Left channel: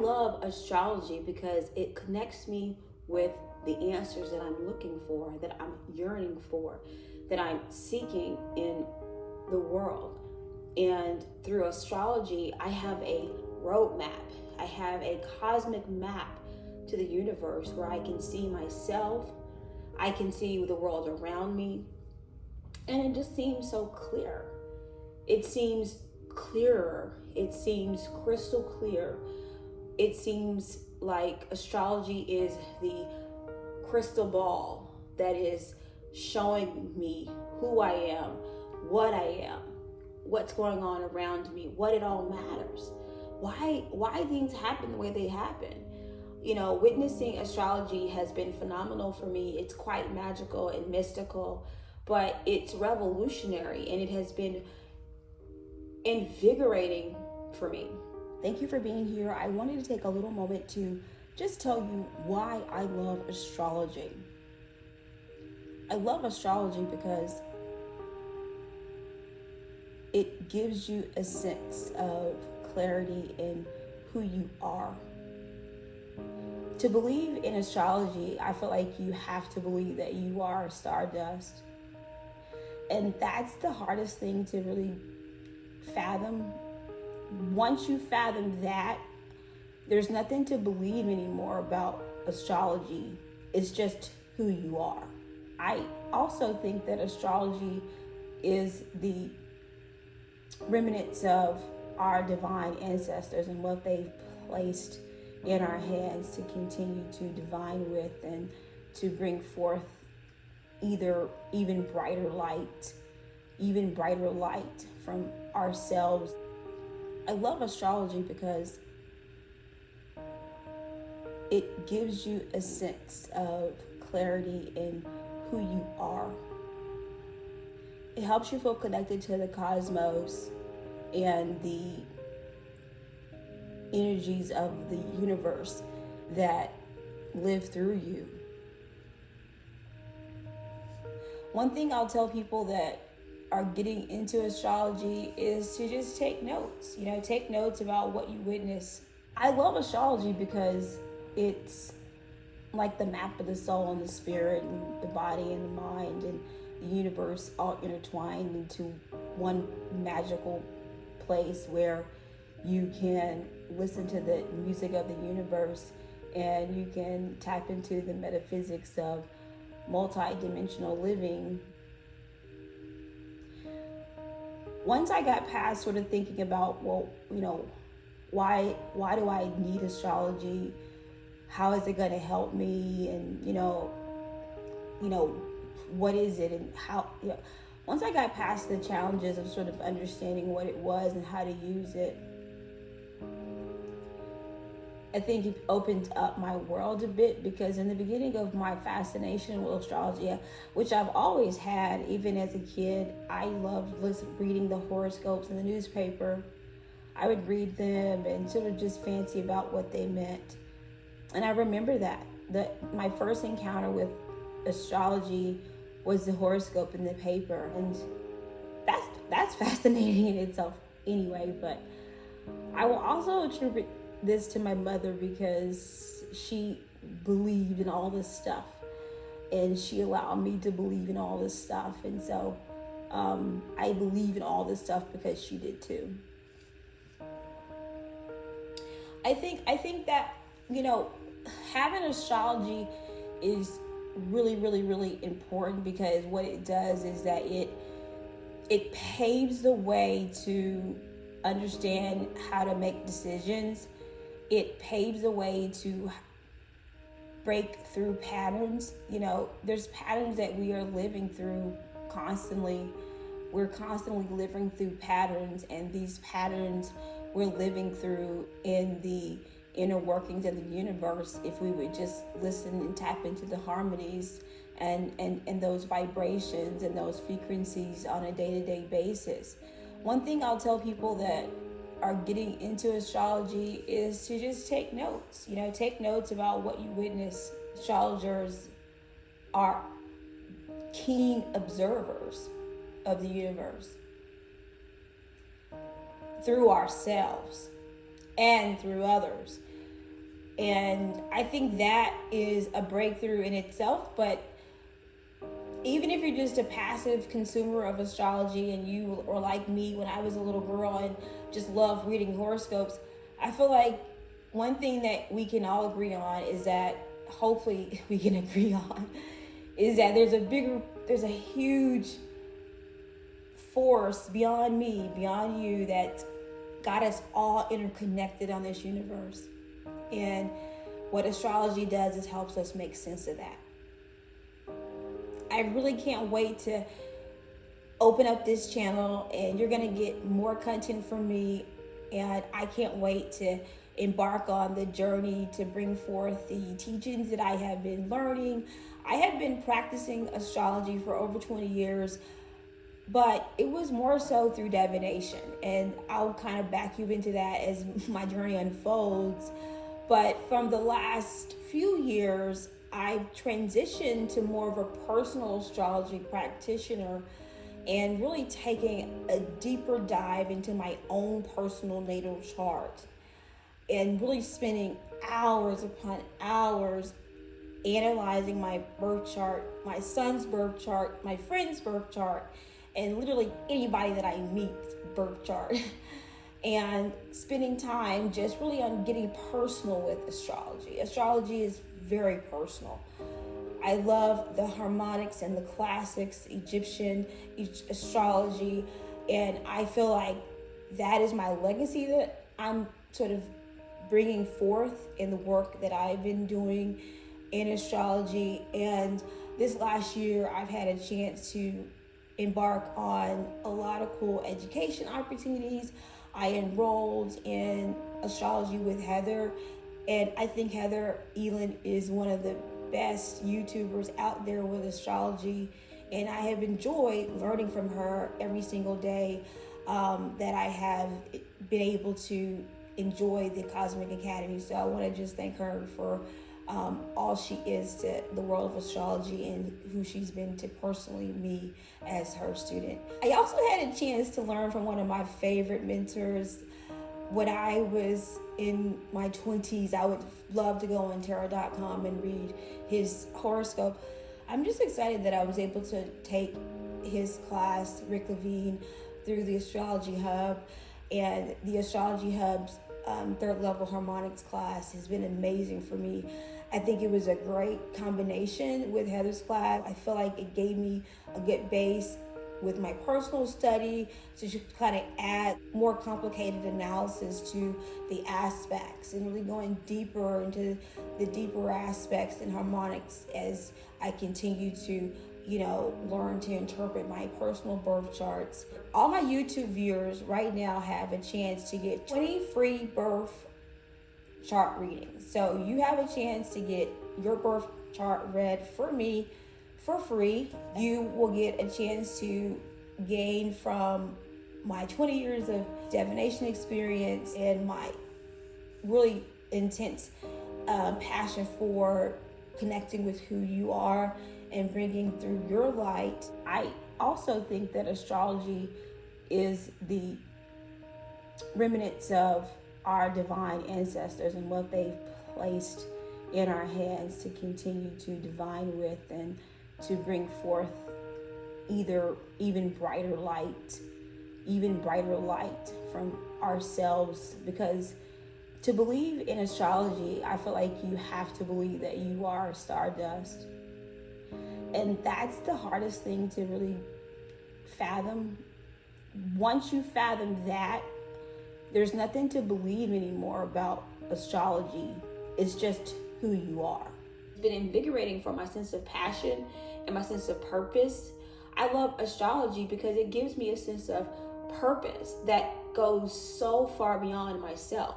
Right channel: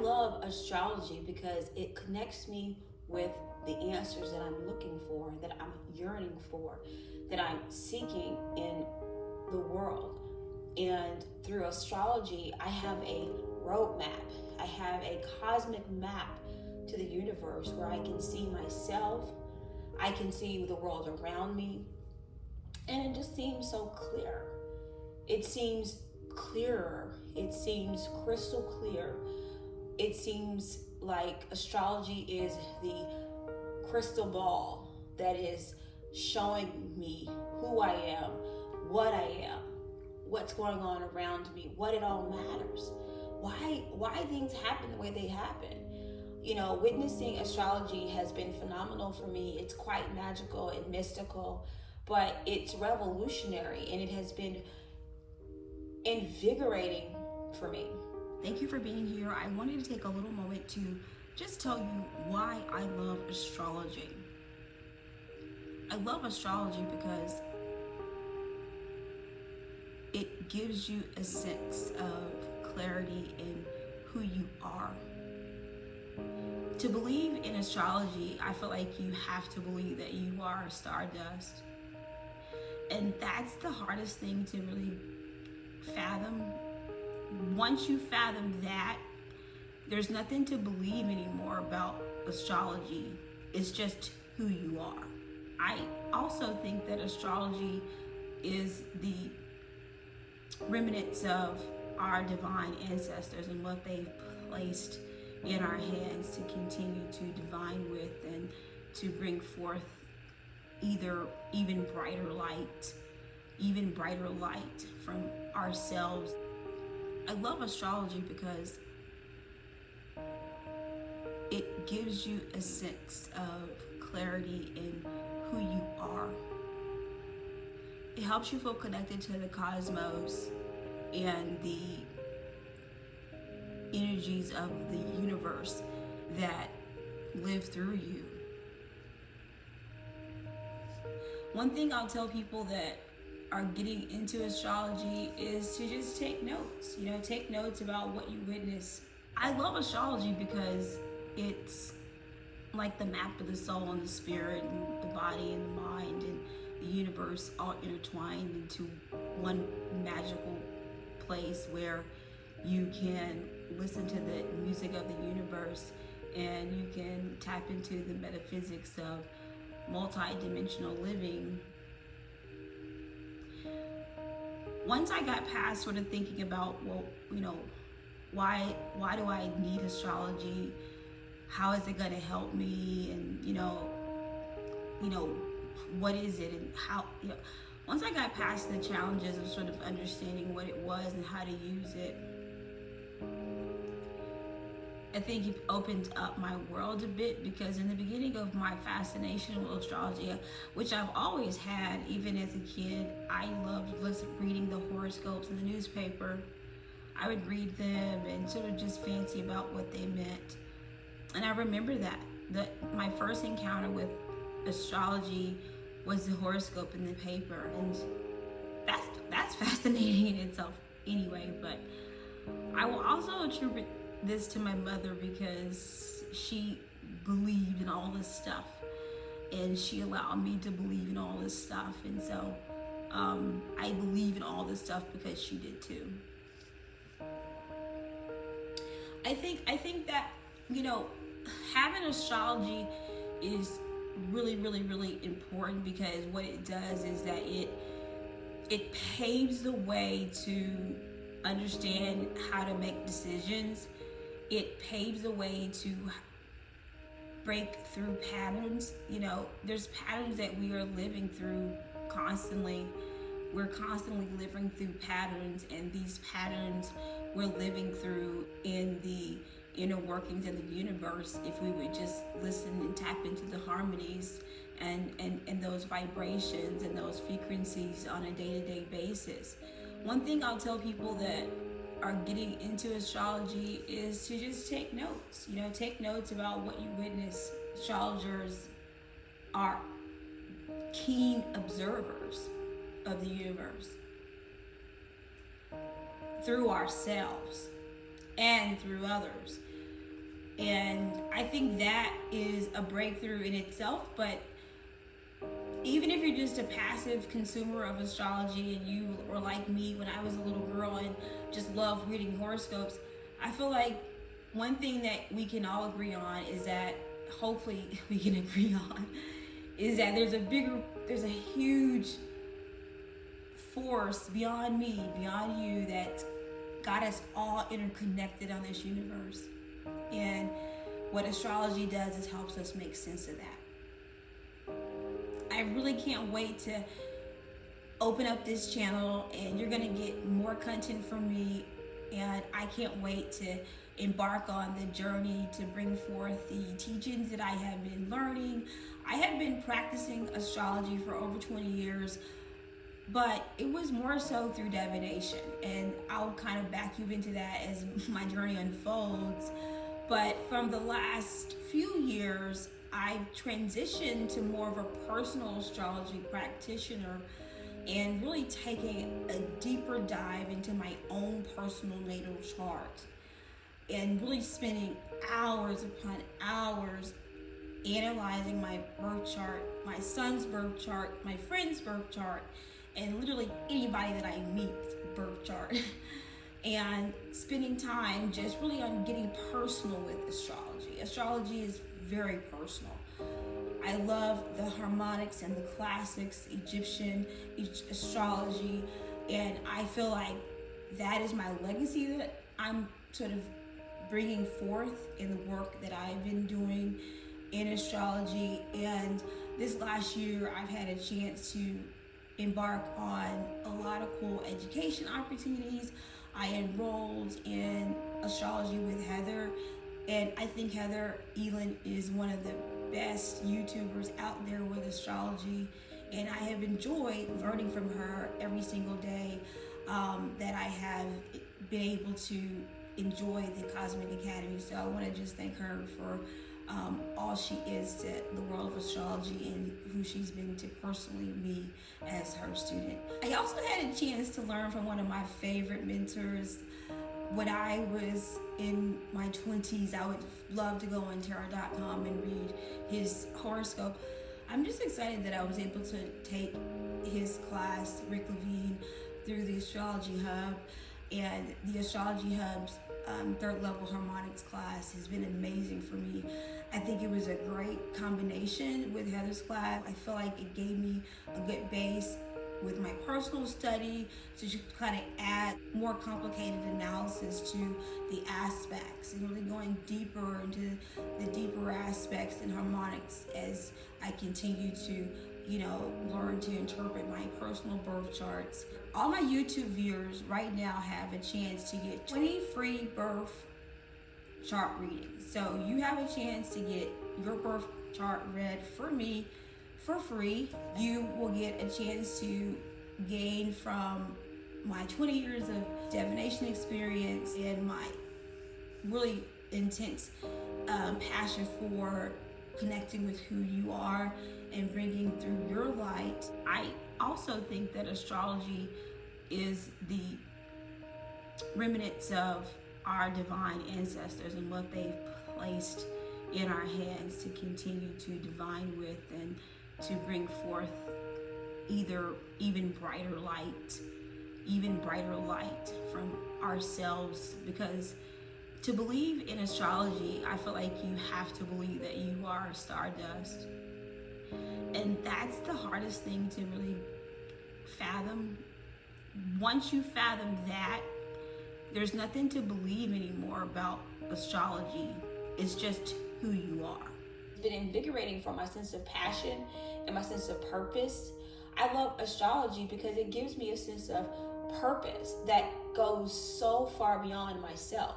love astrology because it connects me with the answers that I'm looking for, that I'm yearning for, that I'm seeking in the world. And through astrology, I have a roadmap. I have a cosmic map to the universe where I can see myself, I can see the world around me, and it just seems so clear. It seems clearer. It seems crystal clear. It seems like astrology is the crystal ball that is showing me who I am, what I am, what's going on around me, what it all matters, why things happen the way they happen. You know, witnessing astrology has been phenomenal for me. It's quite magical and mystical, but it's revolutionary, and it has been invigorating for me. Thank you for being here. I wanted to take a little moment to just tell you why I love astrology. I love astrology because it gives you a sense of clarity in who you are. To believe in astrology, I feel like you have to believe that you are stardust. And that's the hardest thing to really fathom. Once you fathom that, there's nothing to believe anymore about astrology. It's just who you are. I also think that astrology is the remnants of our divine ancestors and what they've placed in our hands to continue to divine with and to bring forth even brighter light from ourselves. I love astrology because it gives you a sense of clarity in who you are. It helps you feel connected to the cosmos and the energies of the universe that live through you. One thing I'll tell people that are getting into astrology is to just take notes. Take notes about what you witness. I love astrology because it's like the map of the soul and the spirit and the body and the mind and the universe all intertwined into one magical place where you can listen to the music of the universe and you can tap into the metaphysics of multi-dimensional living. Once I got past sort of thinking about, why do I need astrology? How is it going to help me? And, what is it? And how, once I got past the challenges of sort of understanding what it was and how to use it, I think it opened up my world a bit, because in the beginning of my fascination with astrology, which I've always had, even as a kid, I loved reading the horoscopes in the newspaper. I would read them and sort of just fancy about what they meant. And I remember that my first encounter with astrology was the horoscope in the paper, and that's fascinating in itself anyway. But I will also attribute this to my mother, because she believed in all this stuff and she allowed me to believe in all this stuff, and so I believe in all this stuff because she did too. I think that having astrology is really, really, really important, because what it does is that it paves the way to understand how to make decisions. It paves the way to break through patterns. There's patterns that we are living through constantly. We're constantly living through patterns, and these patterns we're living through in the inner workings of the universe if we would just listen and tap into the harmonies and those vibrations and those frequencies on a day-to-day basis. One thing I'll tell people that are getting into astrology is to just take notes. Take notes about what you witness. Astrologers are keen observers of the universe through ourselves and through others. And I think that is a breakthrough in itself. But even if you're just a passive consumer of astrology and you are like me when I was a little girl and just loved reading horoscopes, I feel like one thing that we can all agree on is that, hopefully we can agree on, is that there's a huge force beyond me, beyond you, that got us all interconnected on this universe. And what astrology does is helps us make sense of that. I really can't wait to open up this channel, and you're gonna get more content from me, and I can't wait to embark on the journey to bring forth the teachings that I have been learning. I have been practicing astrology for over 20 years, but it was more so through divination, and I'll kind of back you into that as my journey unfolds. But from the last few years, I've transitioned to more of a personal astrology practitioner and really taking a deeper dive into my own personal natal chart and really spending hours upon hours analyzing my birth chart, my son's birth chart, my friend's birth chart, and literally anybody that I meet's birth chart. And spending time just really on getting personal with astrology. Astrology is very personal. I love the harmonics and the classics, Egyptian astrology, and I feel like that is my legacy that I'm sort of bringing forth in the work that I've been doing in astrology. And this last year, I've had a chance to embark on a lot of cool education opportunities. I enrolled in astrology with Heather, and I think Heather Elin is one of the best YouTubers out there with astrology, and I have enjoyed learning from her every single day that I have been able to enjoy the Cosmic Academy. So I want to just thank her for all she is to the world of astrology and who she's been to personally me as her student. I also had a chance to learn from one of my favorite mentors. When I was in my 20s, I would love to go on tarot.com and read his horoscope. I'm just excited that I was able to take his class, Rick Levine, through the Astrology Hub. And the Astrology Hub's third level harmonics class has been amazing for me. I think it was a great combination with Heather's class. I feel like it gave me a good base with my personal study to kind of add more complicated analysis to the aspects and really going deeper into the deeper aspects and harmonics as I continue to learn to interpret my personal birth charts. All my YouTube viewers right now have a chance to get 20 free birth chart readings. So you have a chance to get your birth chart read for me for free. You will get a chance to gain from my 20 years of divination experience and my really intense passion for connecting with who you are and bringing through your light. I also think that astrology is the remnants of our divine ancestors and what they've placed in our hands to continue to divine with and to bring forth even brighter light from ourselves. Because to believe in astrology, I feel like you have to believe that you are stardust. And that's the hardest thing to really fathom. Once you fathom that, there's nothing to believe anymore about astrology. It's just who you are. It's been invigorating for my sense of passion and my sense of purpose. I love astrology because it gives me a sense of purpose that goes so far beyond myself.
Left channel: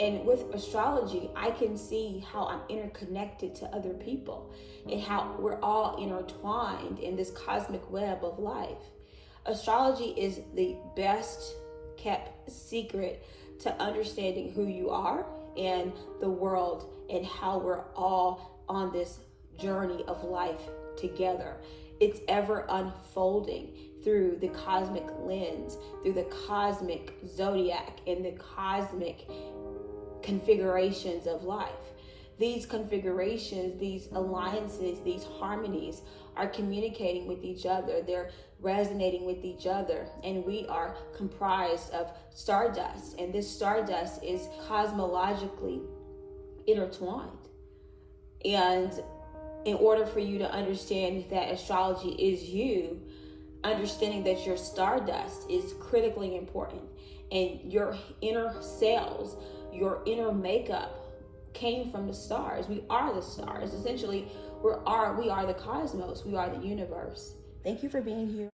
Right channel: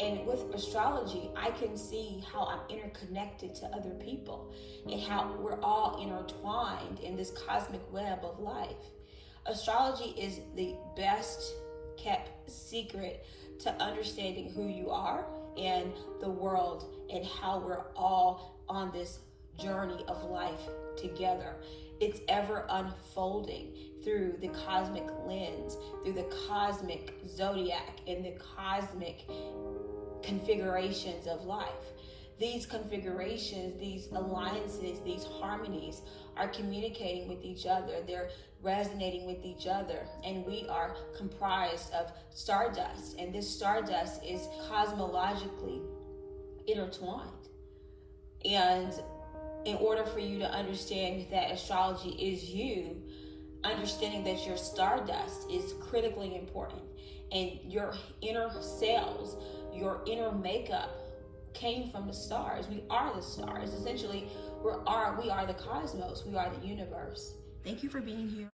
And with astrology, I can see how I'm interconnected to other people and how we're all intertwined in this cosmic web of life. Astrology is the best kept secret to understanding who you are and the world and how we're all on this journey of life together. It's ever unfolding through the cosmic lens, through the cosmic zodiac and the cosmic configurations of life. These configurations, these alliances, these harmonies are communicating with each other. They're resonating with each other. And we are comprised of stardust. And this stardust is cosmologically intertwined. And in order for you to understand that astrology is you, understanding that your stardust is critically important. And your inner cells, your inner makeup came from the stars. We are the stars. Essentially, we are the cosmos. We are the universe. Thank you for being here.